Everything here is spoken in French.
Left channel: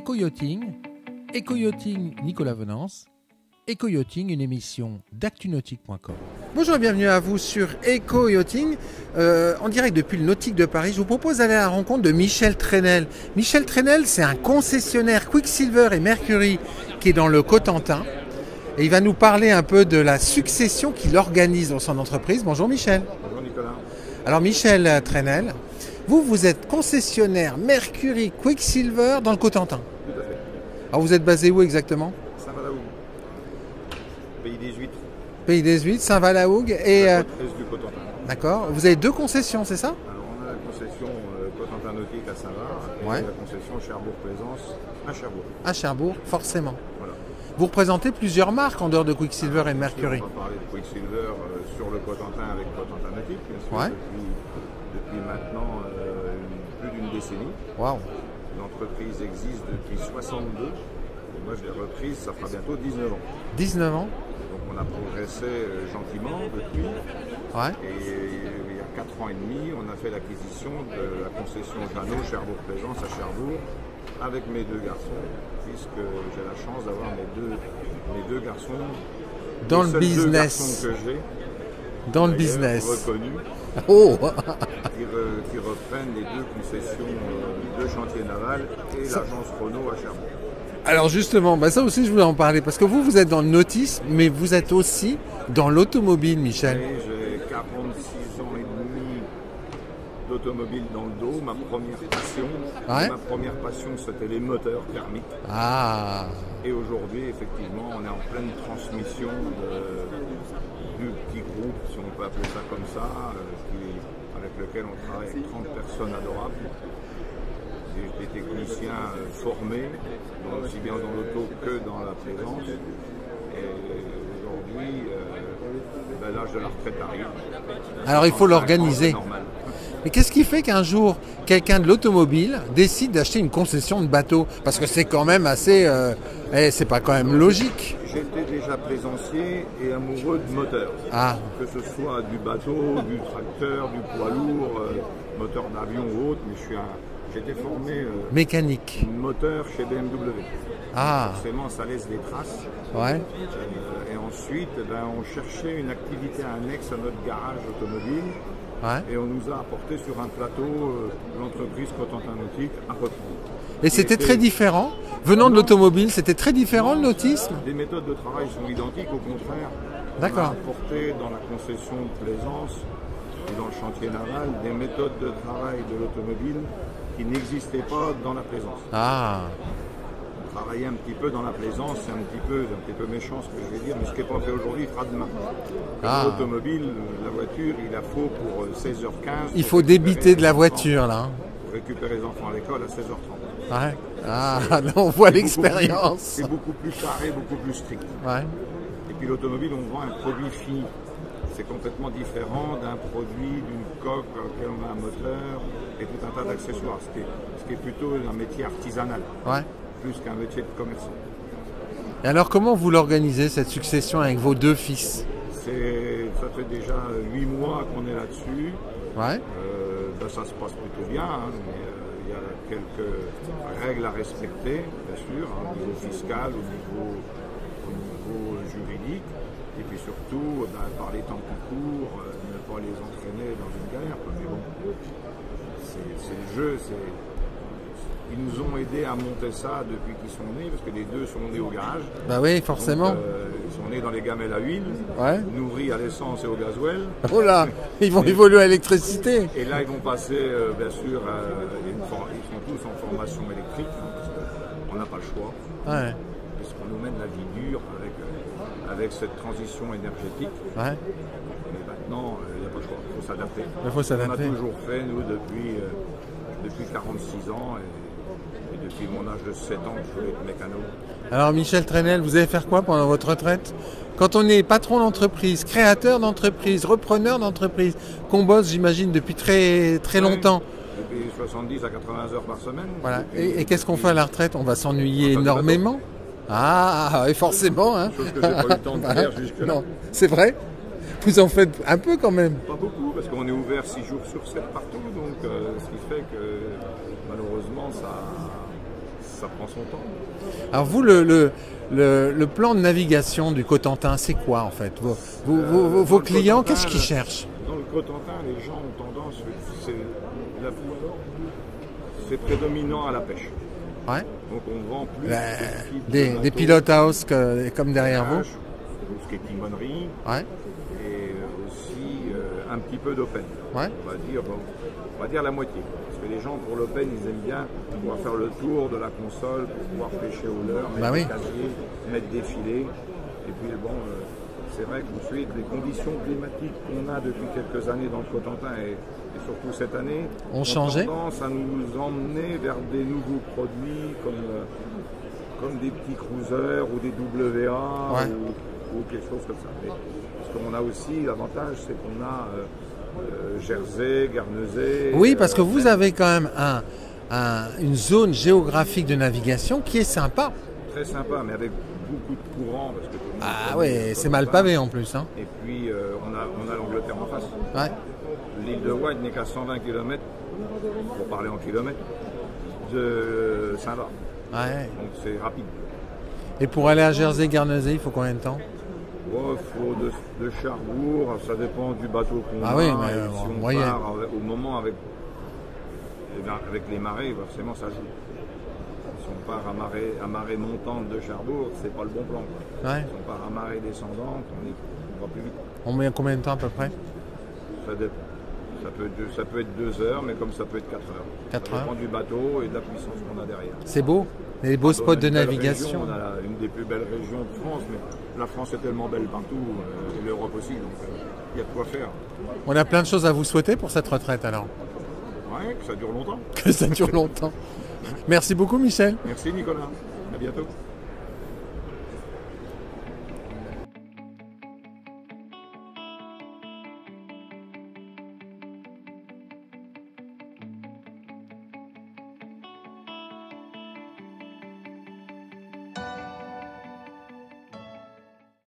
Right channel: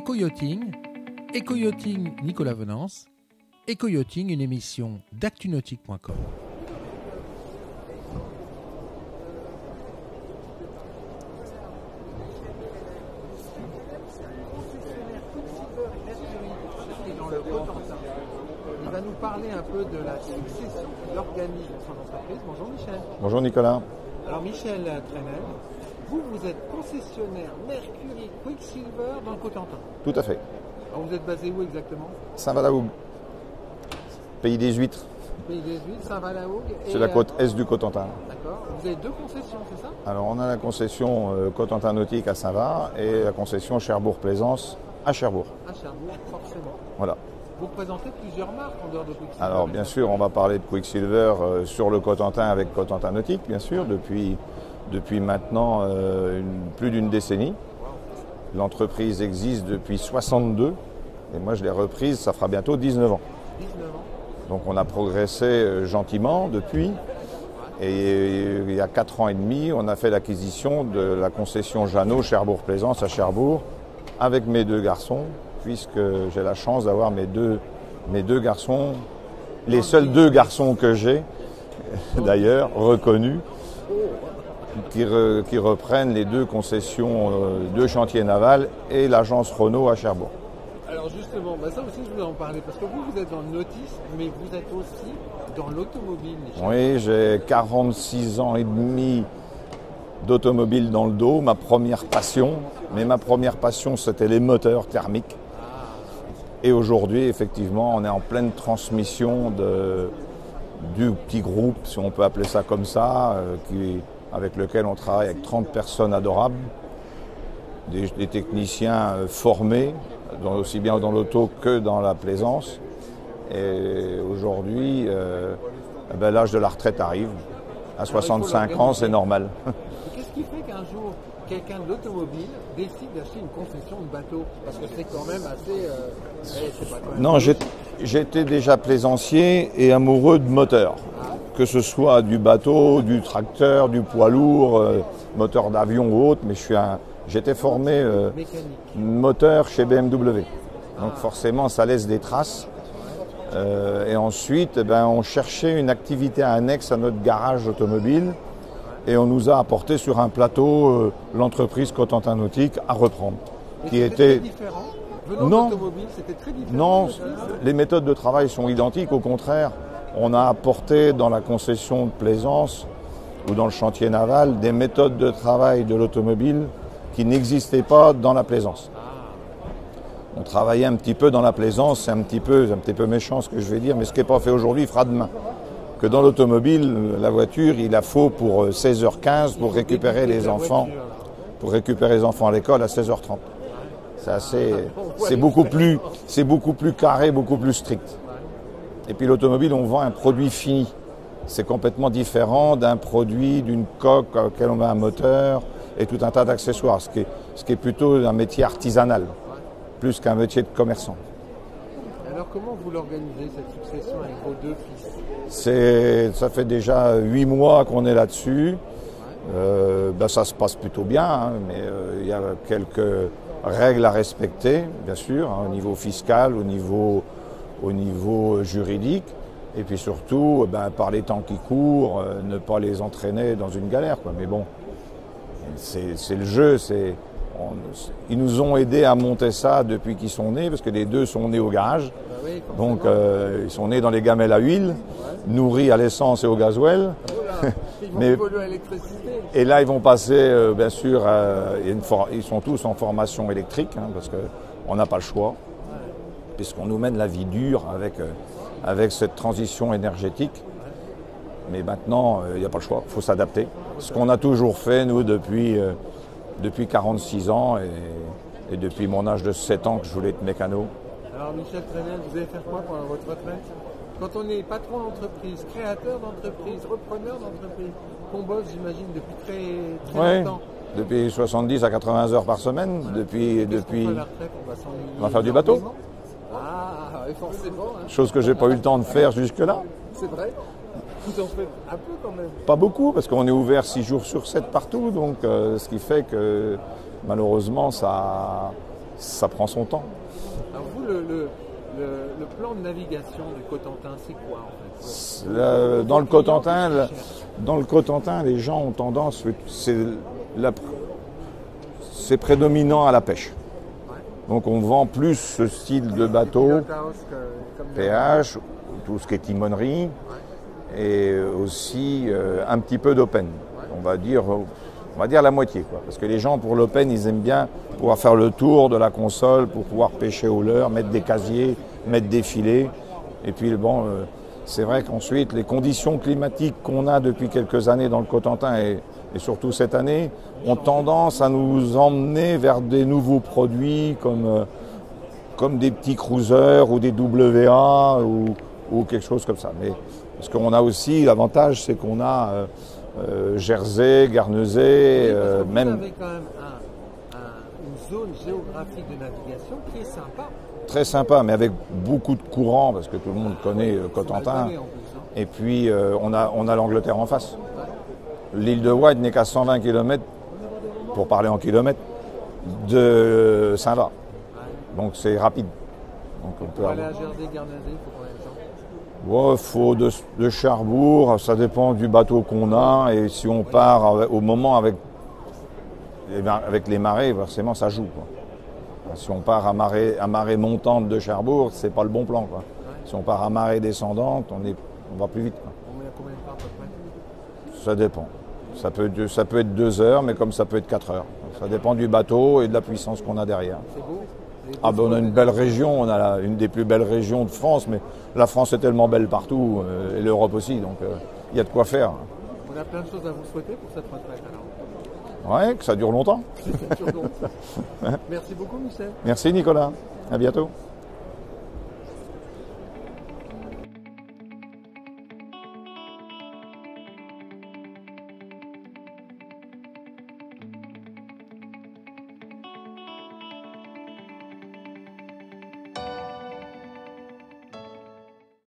Éco-yachting, Éco-yachting Nicolas Venance, Éco-yachting, une émission d'actunautique.com. Bonjour et bienvenue à vous sur Éco-yachting, en direct depuis le Nautique de Paris. Je vous propose d'aller à la rencontre de Michel Trenel. Michel Trenel, c'est un concessionnaire Quicksilver et Mercury qui est dans le Cotentin. Et il va nous parler un peu de la succession qu'il organise dans son entreprise. Bonjour Michel. Bonjour Nicolas. Alors Michel Trenel, vous êtes concessionnaire Mercury Quicksilver dans le Cotentin. Tout à fait. Alors vous êtes basé où exactement? Saint-Valahougue, pays des huîtres. Pays des Huîtres, Saint-Valahougue C'est et... la côte est du Cotentin. D'accord. Vous avez deux concessions, c'est ça? Alors on a la concession Cotentin Nautique à Saint-Va et Ouais. la concession Cherbourg-Plaisance à Cherbourg. À Cherbourg, forcément. Voilà. Vous représentez plusieurs marques en dehors de Quicksilver Alors, et de bien Mercury. sûr, on va parler de Quicksilver sur le Cotentin avec Cotentin Nautique, bien sûr, Ouais. depuis maintenant plus d'une décennie. Waouh. L'entreprise existe depuis 62 et moi je l'ai reprise, ça fera bientôt 19 ans. 19 ans. Donc on a progressé gentiment depuis. Ouais. Et il y a 4 ans et demi, on a fait l'acquisition de la concession Jeannot Cherbourg-Plaisance à Cherbourg avec mes deux garçons, puisque j'ai la chance d'avoir mes deux garçons, Dans les le seuls deux business. garçons que j'ai, Dans le d'ailleurs business. reconnus, Oh. qui reprennent les deux concessions de chantier naval et l'agence Renault à Cherbourg. Alors justement, ça aussi je voulais en parler, parce que vous êtes dans le nautisme, mais vous êtes aussi dans l'automobile, Michel. Oui, j'ai 46 ans et demi d'automobile dans le dos, ma première passion. Ouais. Mais ma première passion, c'était les moteurs thermiques. Ah. Et aujourd'hui, effectivement, on est en pleine transmission du petit groupe, si on peut appeler ça comme ça, avec lequel on travaille avec 30 personnes adorables, des techniciens formés, aussi bien dans l'auto que dans la plaisance. Et aujourd'hui, l'âge de la retraite arrive. À Alors, il faut 65 ans, l'organiser. c'est normal. Mais qu'est-ce qui fait qu'un jour, quelqu'un de l'automobile décide d'acheter une concession de bateau? Parce que c'est quand même assez... c'est pas quand même Non, logique. J'étais déjà plaisancier et amoureux de moteurs. Ah, Que ce soit du bateau, du tracteur, du poids lourd, moteur d'avion ou autre, mais j'étais formé mécanique. moteur chez BMW. Ah. Donc forcément, ça laisse des traces. Ouais. Et ensuite, on cherchait une activité annexe à notre garage automobile Ouais. et on nous a apporté sur un plateau l'entreprise Cotentin Nautique à reprendre. Et Qui c'était était- très différent. Venant de Non. l'automobile, c'était très différent Non, le nautisme. les méthodes de travail sont identiques, au contraire. On D'accord. a apporté dans la concession de plaisance ou dans le chantier naval des méthodes de travail de l'automobile qui n'existaient pas dans la plaisance. Ah, On travaillait un petit peu dans la plaisance, c'est un petit peu méchant ce que je vais dire, mais ce qui n'est pas fait aujourd'hui, il fera demain. Que dans Ah. l'automobile, la voiture, il la faut pour 16h15. il pour faut récupérer débiter de les la enfants, voiture là. Pour récupérer les enfants à l'école à 16h30. Ouais. Ça, Ah, c'est- là, on voit c'est beaucoup plus- l'expérience. C'est beaucoup plus carré, beaucoup plus strict. Ouais. Et puis l'automobile, on vend un produit fini. C'est complètement différent d'un produit, d'une coque auquel on met un moteur et tout un tas d'accessoires, ce qui est plutôt un métier artisanal, Ouais. plus qu'un métier de commerçant. Et alors, comment vous l'organisez cette succession avec vos deux fils? Ça fait déjà 8 mois qu'on est là-dessus. Ouais. Ça se passe plutôt bien, hein, mais il y a quelques règles à respecter, bien sûr, hein, au niveau fiscal, au niveau juridique. Et puis surtout, par les temps qui courent, ne pas les entraîner dans une galère, quoi. Mais bon, c'est le jeu. Ils nous ont aidés à monter ça depuis qu'ils sont nés, parce que les deux sont nés au garage. Bah oui, Donc forcément. ils sont nés dans les gamelles à huile, Ouais. nourris à l'essence et au gasoil. Oh là, ils vont Mais- évoluer à l'électricité. Et là, ils vont passer, bien sûr, ils sont tous en formation électrique, hein, parce qu'on n'a pas le choix, Ouais. puisqu'on nous mène la vie dure avec cette transition énergétique. Ouais. Mais maintenant, il n'y a pas le choix, il faut s'adapter. Il faut On a s'adapter. toujours fait, nous, depuis 46 ans, et depuis mon âge de 7 ans que je voulais être mécano. Alors Michel Trenel, vous allez faire quoi pendant votre retraite? Quand on est patron d'entreprise, créateur d'entreprise, repreneur d'entreprise, qu'on bosse, j'imagine, depuis très Ouais. longtemps. Depuis 70 à 80 heures par semaine. Voilà. Depuis- Et qu'est-ce qu'on depuis- fait à la retraite? On va s'ennuyer On va faire du énormément. Ah, et forcément. Hein. Chose que je n'ai pas eu le temps de faire jusque-là. Non, c'est vrai. Vous en faites un peu quand même. Pas beaucoup, parce qu'on est ouvert 6 jours sur 7 partout, donc ce qui fait que malheureusement, ça prend son temps. Alors vous, le plan de navigation du Cotentin, c'est quoi en fait? Vos clients, qu'est-ce qu'ils cherchent? Dans le Cotentin, les gens ont tendance, c'est prédominant à la pêche. Ouais. Donc on vend plus ce style de bateau. Des pilot house comme derrière vous. Tout ce qui est timonerie. Ouais. Et aussi un petit peu d'open. Ouais. On va dire la moitié, quoi. Parce que les gens pour l'open, ils aiment bien pouvoir faire le tour de la console pour pouvoir pêcher au leurre, mettre des casiers, mettre des filets. Et puis bon, c'est vrai qu'ensuite les conditions climatiques qu'on a depuis quelques années dans le Cotentin et surtout cette année ont tendance à nous emmener vers des nouveaux produits comme des petits cruisers ou des WA ou quelque chose comme ça. Mais, parce qu'on a aussi l'avantage, c'est qu'on a Jersey, Guernesey. Oui, parce que vous avez quand même une zone géographique de navigation qui est sympa. Très sympa, mais avec beaucoup de courants, parce que tout le monde connaît. Oui, c'est mal pavé en plus. Hein. Et puis on a l'Angleterre en face. Ouais. L'île de Wight n'est qu'à 120 km, pour parler en kilomètres, de Saint-Va. Ouais. Donc c'est rapide. Et pour aller à Jersey, Guernesey, il faut combien de temps? Il faut de Cherbourg, ça dépend du bateau qu'on a. Et si on part au moment avec les marées, forcément ça joue, quoi. Si on part à marée montante de Cherbourg, c'est pas le bon plan, quoi. Ouais. Si on part à marée descendante, on va plus vite, quoi. On met combien de temps à peu près? Ça dépend. Ça peut être 2 heures, mais comme ça peut être 4 heures. Ça dépend du bateau et de la puissance qu'on a derrière. C'est beau. Les beaux spots de navigation. On a une des plus belles régions de France, mais la France est tellement belle partout, et l'Europe aussi, donc il y a de quoi faire. On a plein de choses à vous souhaiter pour cette retraite alors. Ouais, que ça dure longtemps. Que ça dure longtemps. Merci beaucoup Michel. Merci Nicolas. À bientôt.